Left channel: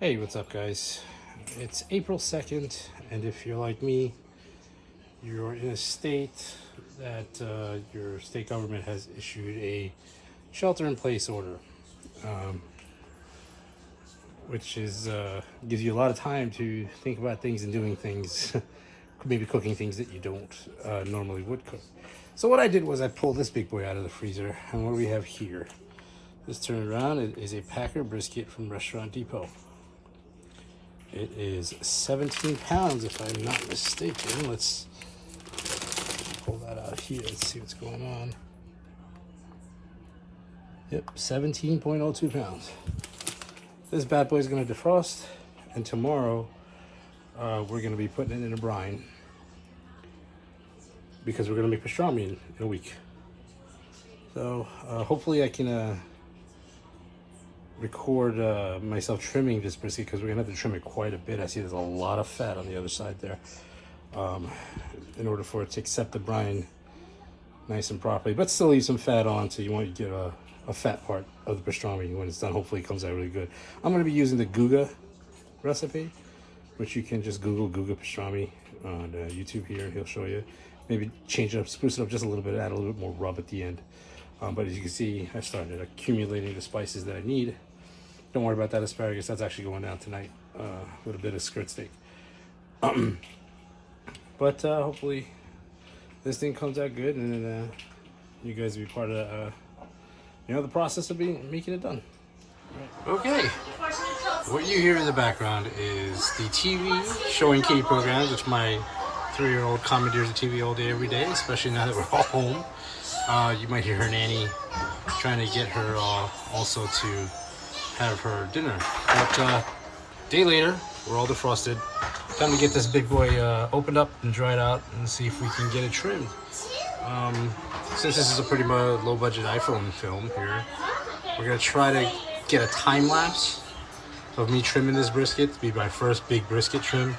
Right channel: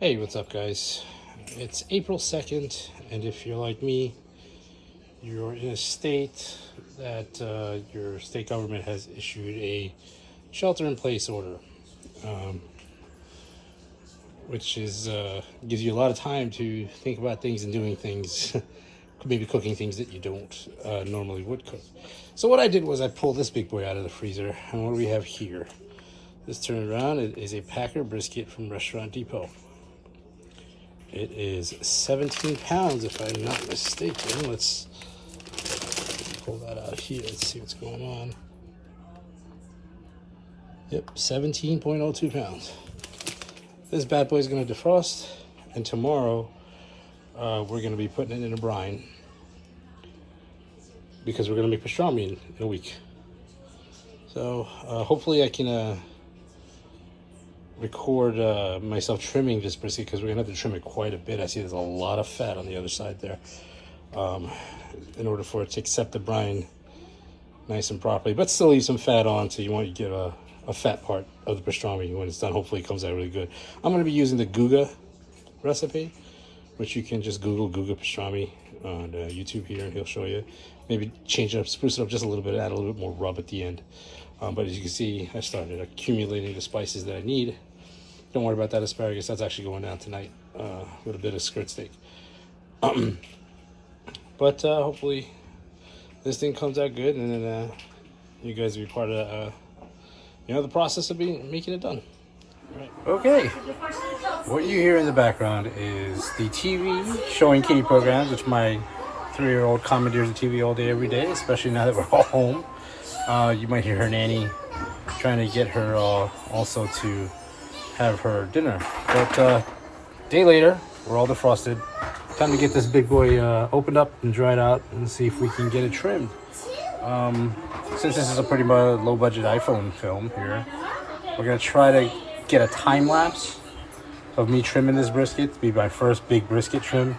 Hey, what's up, guys? It's April 2nd, and if you're like me, you're in a state that your state government has issued a shelter in place order, which is gives you a lot of time to think about things and doing things, maybe cooking things that you don't normally would cook. So, what I did was I pulled this big boy out of the freezer, and what do we have here? Let's turn it around. It is a Packer brisket from Restaurant Depot. It is 17 pounds, if I'm not mistaken. Let's pull that out here. Let's see what's going on. Yep, 17.02 pounds. This bad boy is going to defrost, and tomorrow we're going to be putting it in a brine because we're going to make pastrami in a week. So hopefully I can record myself trimming this brisket because we're gonna have to trim it quite a bit. I see there's a lot of fat on the other side there, in order for it to accept the brine nice and properly, but still leave some fat on, so you want to get a fat part of the pastrami when it's done. Hopefully it comes out really good. I'm going to be using the Guga recipe, which you can just Google Guga pastrami on YouTube here, and he'll show you. Maybe change it up, spruce it up just a little bit, add a little bit more rub at the end. But as you can see, I started accumulating the spices that I need. Don't worry about that asparagus. That's actually going down tonight with a bit of skirt steak. But hopefully this thing comes out good, and then you guys will be part of the process of making it done. All right. Okay. What you hear in the background is the TV showing kiddie programs, which my 3-year-old commandeers the TV all day, every day, especially now that we're all home. You might hear her nanny trying to get her also to have her dinner. But day later, we're all defrosted. Time to get this big boy opened up and dried out and see if we can get it trimmed. Since this is a pretty low budget iPhone film here, we're gonna try to get a time lapse of me trimming this brisket to be my first big brisket trim.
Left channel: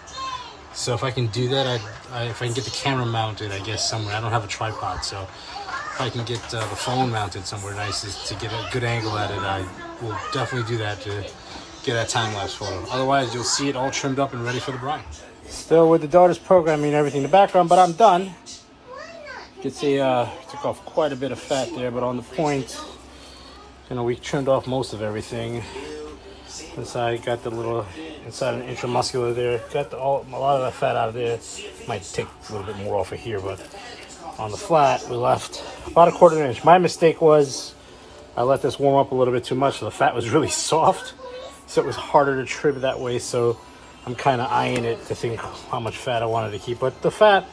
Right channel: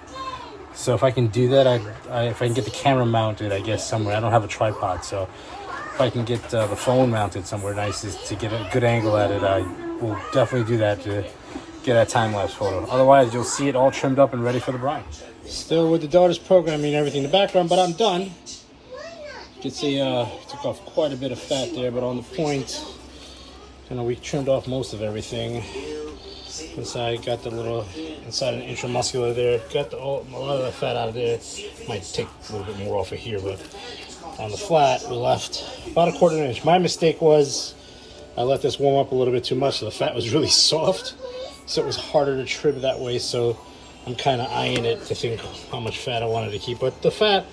So if I can do that, if I can get the camera mounted, I guess somewhere. I don't have a tripod, so if I can get the phone mounted somewhere nice to get a good angle at it, I will definitely do that to get that time-lapse photo. Otherwise, you'll see it all trimmed up and ready for the brine. Still with the daughter's programming and everything in the background, but I'm done. You can see took off quite a bit of fat there, but on the point, we trimmed off most of everything. Inside, got the little inside an intramuscular there. Got a lot of the fat out of there. Might take a little bit more off of here, but on the flat, we left about a 1/4 inch. My mistake was I let this warm up a little bit too much, so the fat was really soft, so it was harder to trim that way. So I'm kind of eyeing it to think how much fat I wanted to keep. But the fat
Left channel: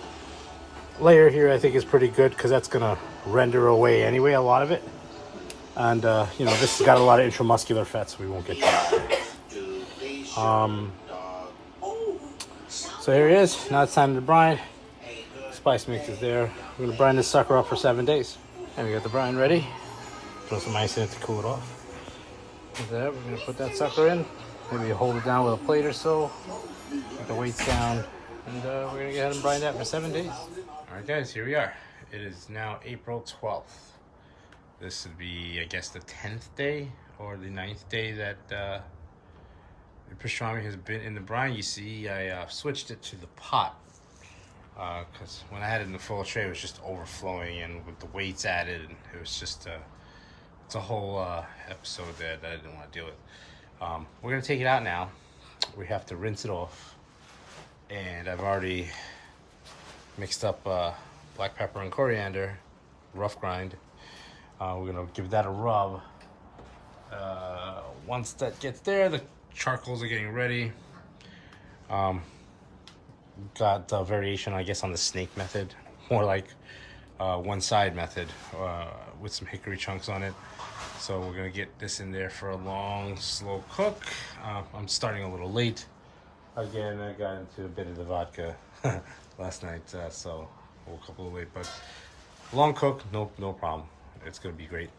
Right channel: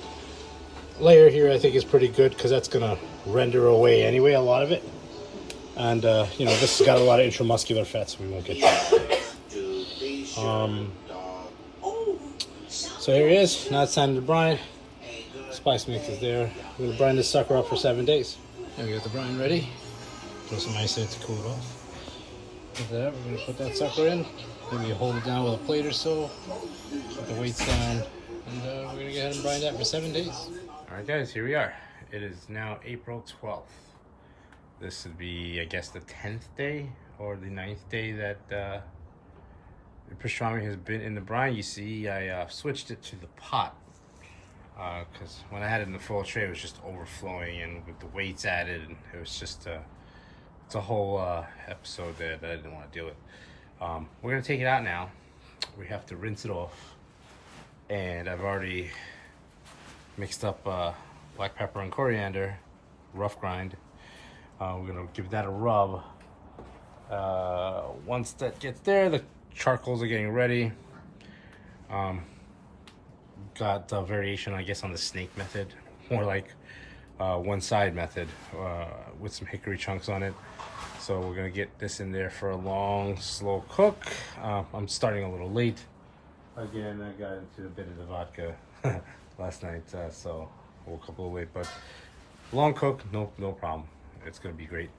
layer here, I think, is pretty good because that's gonna render away anyway a lot of it. And this has got a lot of intramuscular fat, so we won't get trimmed. So here he is. Now it's time to brine. Spice mix is there. We're gonna brine this sucker up for 7 days. And we got the brine ready. Throw some ice in it to cool it off. With that, we're gonna put that sucker in. Maybe hold it down with a plate or so. Keep the weights down. And we're gonna go ahead and brine that for 7 days. All right, guys, here we are. It is now April 12th. This would be, I guess, the 10th day or the 9th day that the pastrami has been in the brine. You see, I switched it to the pot. Because when I had it in the full tray, it was just overflowing, and with the weights added, and it was just it's a whole episode that I didn't want to deal with. We're gonna take it out now. We have to rinse it off, and I've already mixed up black pepper and coriander, rough grind. We're gonna give that a rub. Once that gets there, the charcoals are getting ready. Got a variation, I guess, on the snake method, more like one side method with some hickory chunks on it. So we're gonna get this in there for a long, slow cook. I'm starting a little late. Again, I got into a bit of the vodka last night, so I woke up a little late, but long cook, no problem. It's gonna be great.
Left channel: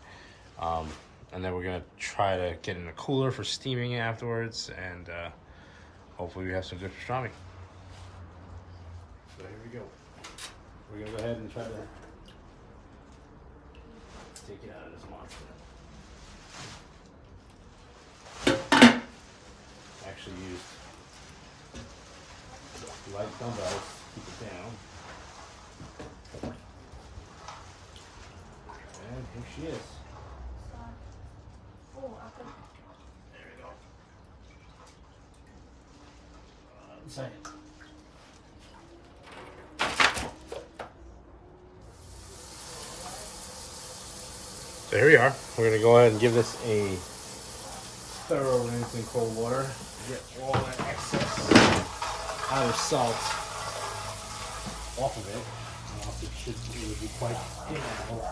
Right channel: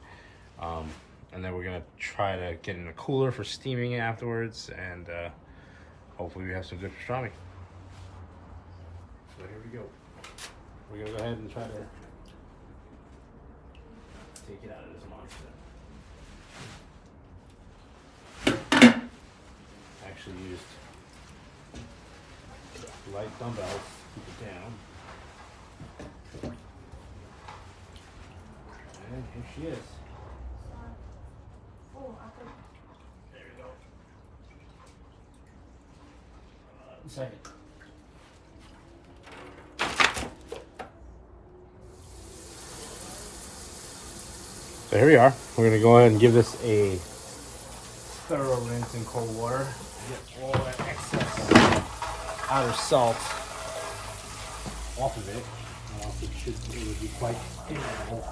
And then we're gonna try to get in a cooler for steaming afterwards, and hopefully we have some good pastrami. So here we go. We're gonna go ahead and try to take it out of this monster. actually used light dumbbells to keep it down. And here she is. There we go. Second. So here we are. We're going to go ahead and give this a thorough rinse in cold water. Get all that excess outer salt off of it. It would be quite difficult.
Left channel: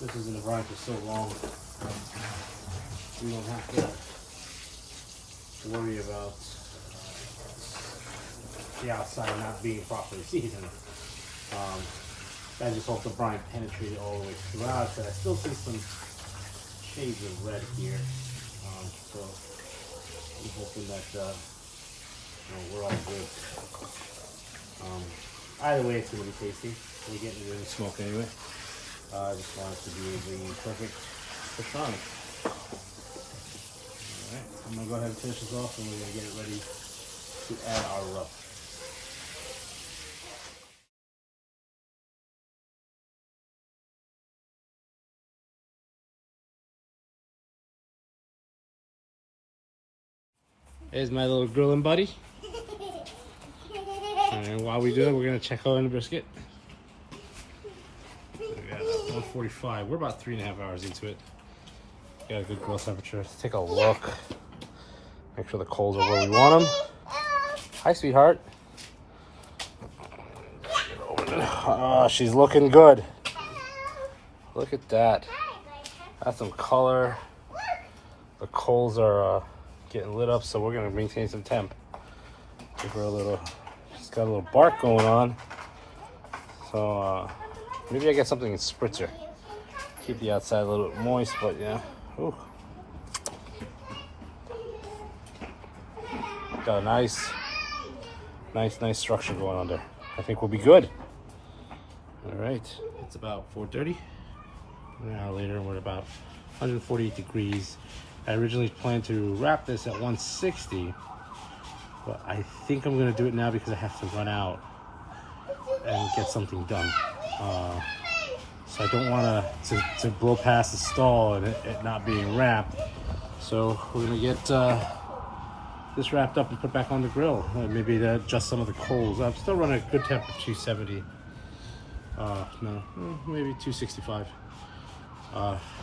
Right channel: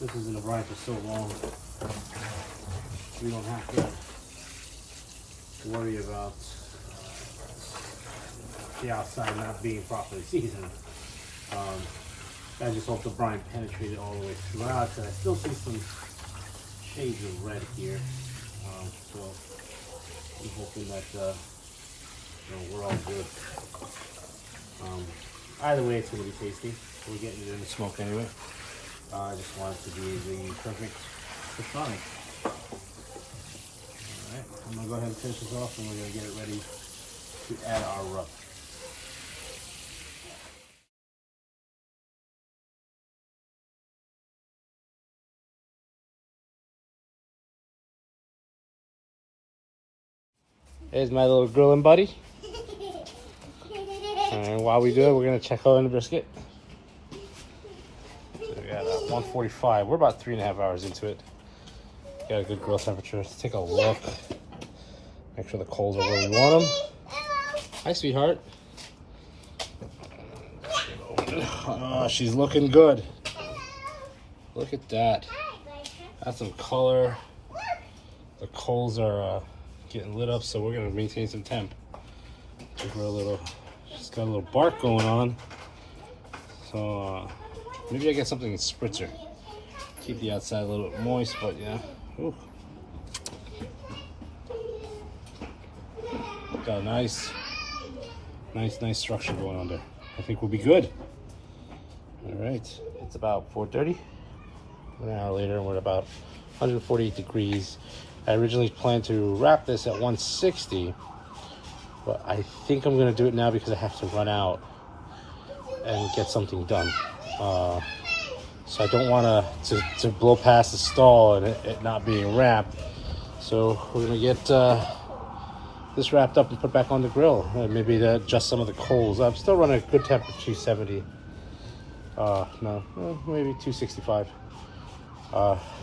This was in the brine for so long. We don't have to worry about the outside not being properly seasoned. I just hope the brine penetrated all the way throughout, because I still see some shades of red here. So I'm hoping that we're all good. Either way, it's going to be tasty. We're getting it in the smoke anyway. I just want it to be the perfect pastrami. Alright, I'm going to go ahead and finish this off, and we're going to get it ready to add our rub. There's my little grilling buddy. And while we do it, we're going to check out on the brisket. So we got 145. We're about 3.5 hours into it. Got a good grill temperature. Let's take a look. Make sure the coals are where we want them. Hi, sweetheart. Oh, she's looking good. Look at that. That's some color. The coals are getting lit up, so we're going to maintain some temp. Give her a little... She's got a little bark going on, so maybe I get something in spritzer. Keep the outside a little bit moist, but yeah. Ooh. Got a nice structure going on there. I think we'll be good. All right, it's about 4:30. An hour later, and we're at about 148 degrees. I originally planned to wrap this at 160. But I think I'm gonna do it now because I have to run out and get something done. So I don't want to blow past the stall and it not being wrapped. So we're gonna get this wrapped up and put back on the grill. Maybe to adjust some of the coals. I'm still running a good temp of 270. Maybe 265.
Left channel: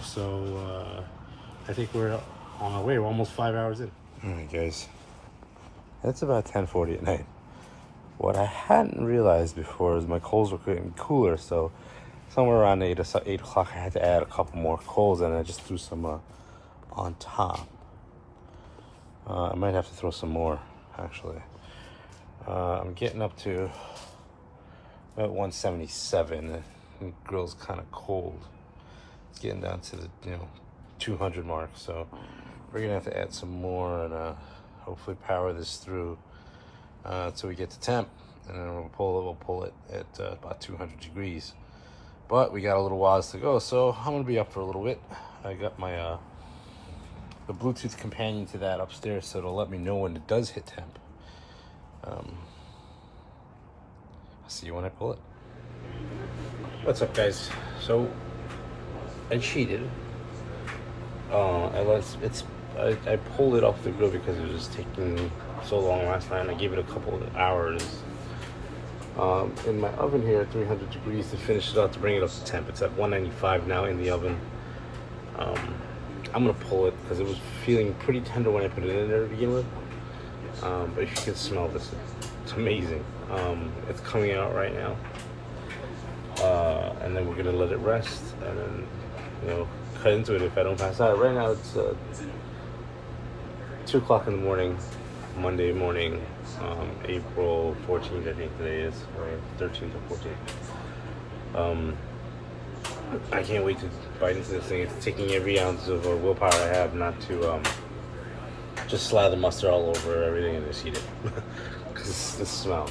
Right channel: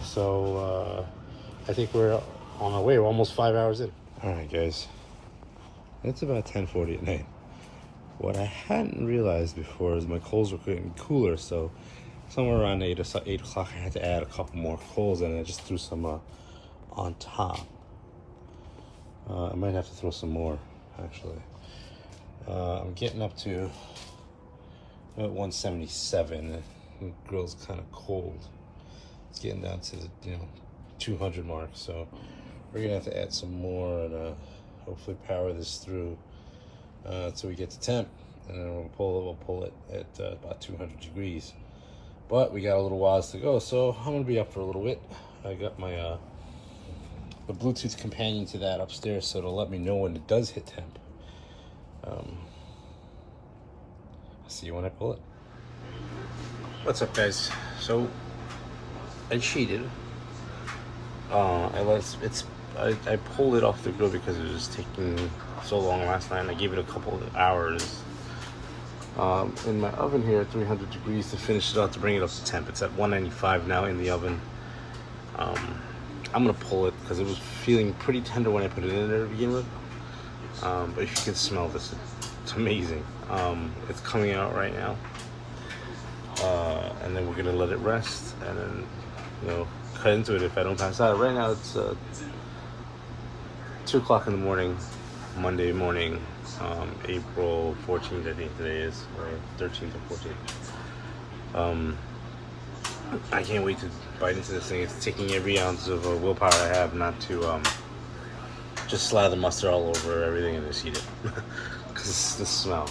So I think we're on our way. We're almost 5 hours in. All right, guys. It's about 10:40 at night. What I hadn't realized before is my coals were getting cooler, so somewhere around 8 o'clock I had to add a couple more coals, and I just threw some on top. I might have to throw some more, actually. I'm getting up to about 177. The grill's kind of cold. It's getting down to the 200 mark, so we're gonna have to add some more and hopefully power this through till we get to temp, and then we'll pull it at about 200 degrees. But we got a little while to go, so I'm gonna be up for a little bit. I got my the Bluetooth companion to that upstairs, so it'll let me know when it does hit temp. I'll see you when I pull it. What's up, guys? So I cheated. I pulled it off the grill because it was taking so long last night, and I gave it a couple of hours in my oven here at 300 degrees to finish it out, to bring it up to temp. It's at 195 now in the oven. I'm gonna pull it because it was feeling pretty tender when I put it in there to begin with. But if you can smell this, it's amazing. It's coming out right now. And then we're gonna let it rest, and then cut into it if I don't pass out. Right now it's 2 o'clock in the morning, Monday morning, April 14th, I think today is, or 13th or 14th. I can't wait to bite into this thing. It's taking every ounce of willpower I have not to just slather mustard all over everything and just eat it. Because the smell.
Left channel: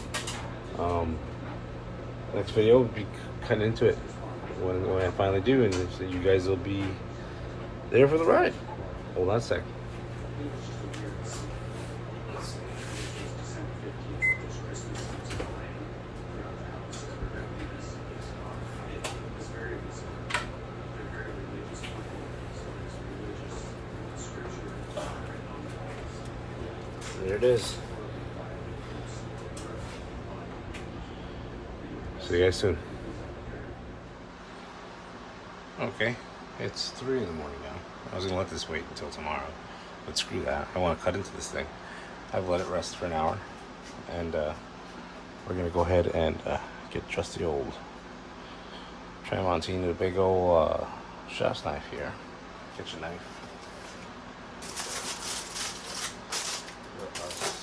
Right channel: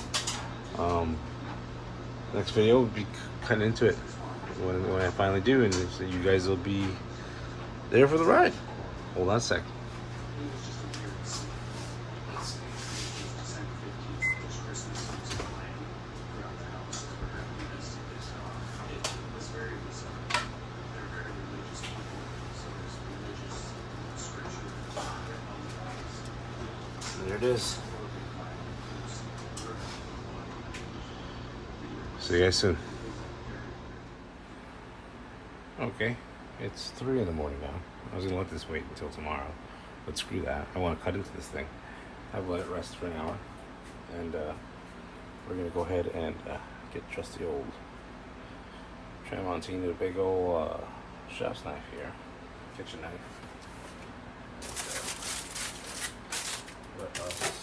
Next video will be cutting into it when I finally do, and so you guys will be there for the ride. Hold on a sec. There it is. See you guys soon. Okay, it's 3 in the morning now. I was gonna let this wait until tomorrow, but screw that. I want to cut into this thing. I've let it rest for an hour, and we're gonna go ahead and get trusty old Tramontine with a big old chef's knife here, kitchen knife. Let us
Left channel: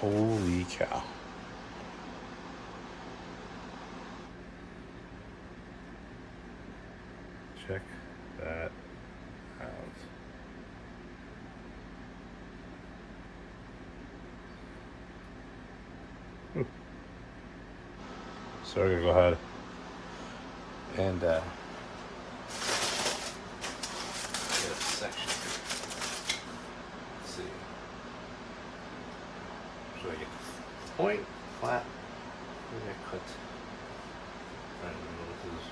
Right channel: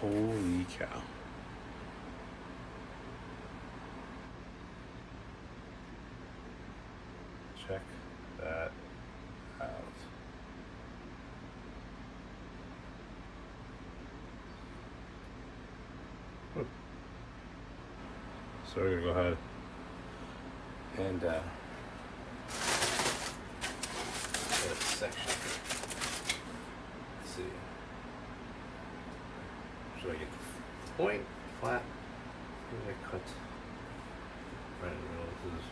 holy cow. Check that out. So we're gonna go ahead and get a section. Let's see. Should I get the point, flat? Maybe I cut right in the middle of these.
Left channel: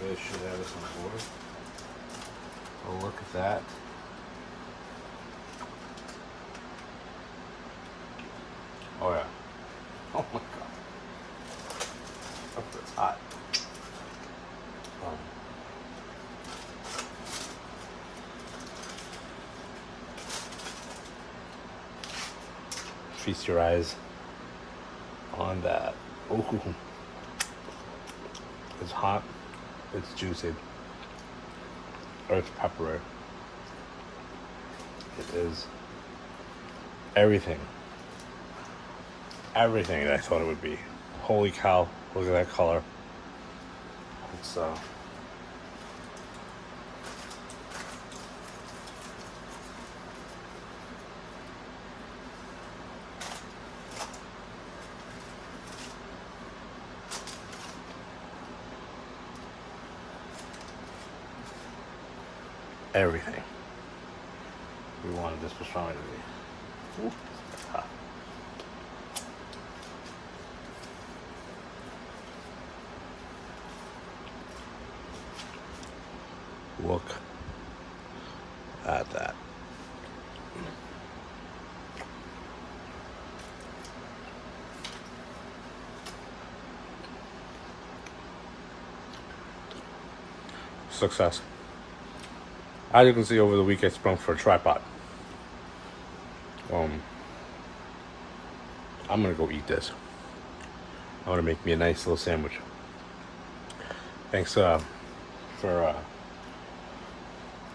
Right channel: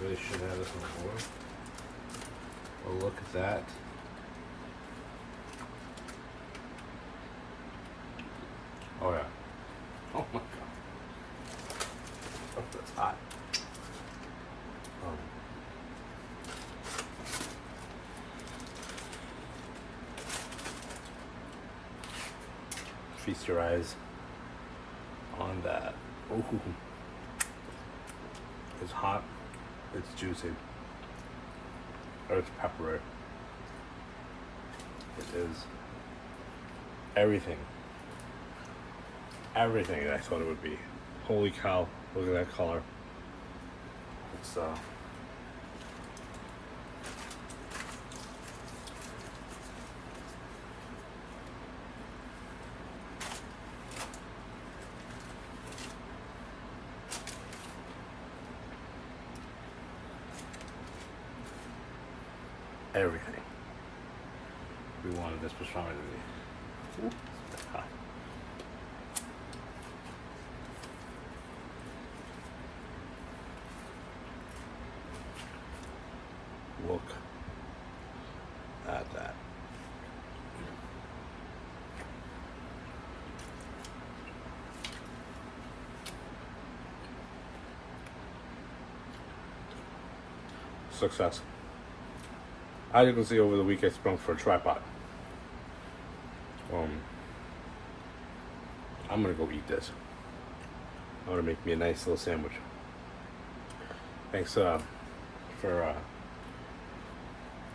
Really should have this on board. Oh, look at that. Oh yeah. Oh my god. Oh, that's hot. Feast your eyes on that. Ooh. It's hot. It's juicy. Or it's peppery. It is everything. Everything that I thought it would be. Holy cow, look at that color. It's everything we wanted this pastrami to be. Ooh. Ah. Look at that. Success. As you can see, over the week I sprung for a tripod. I'm gonna go eat this. I want to make me a nice little sandwich. Thanks for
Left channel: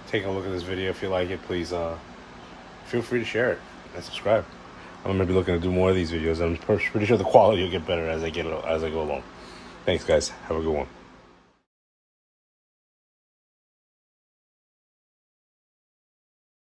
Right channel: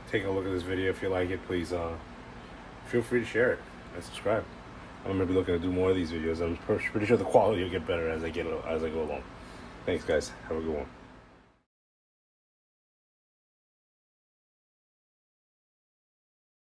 taking a look at this video. If you like it, please feel free to share it and subscribe. I'm gonna be looking to do more of these videos. I'm pretty sure the quality will get better as I go along. Thanks, guys. Have a good one.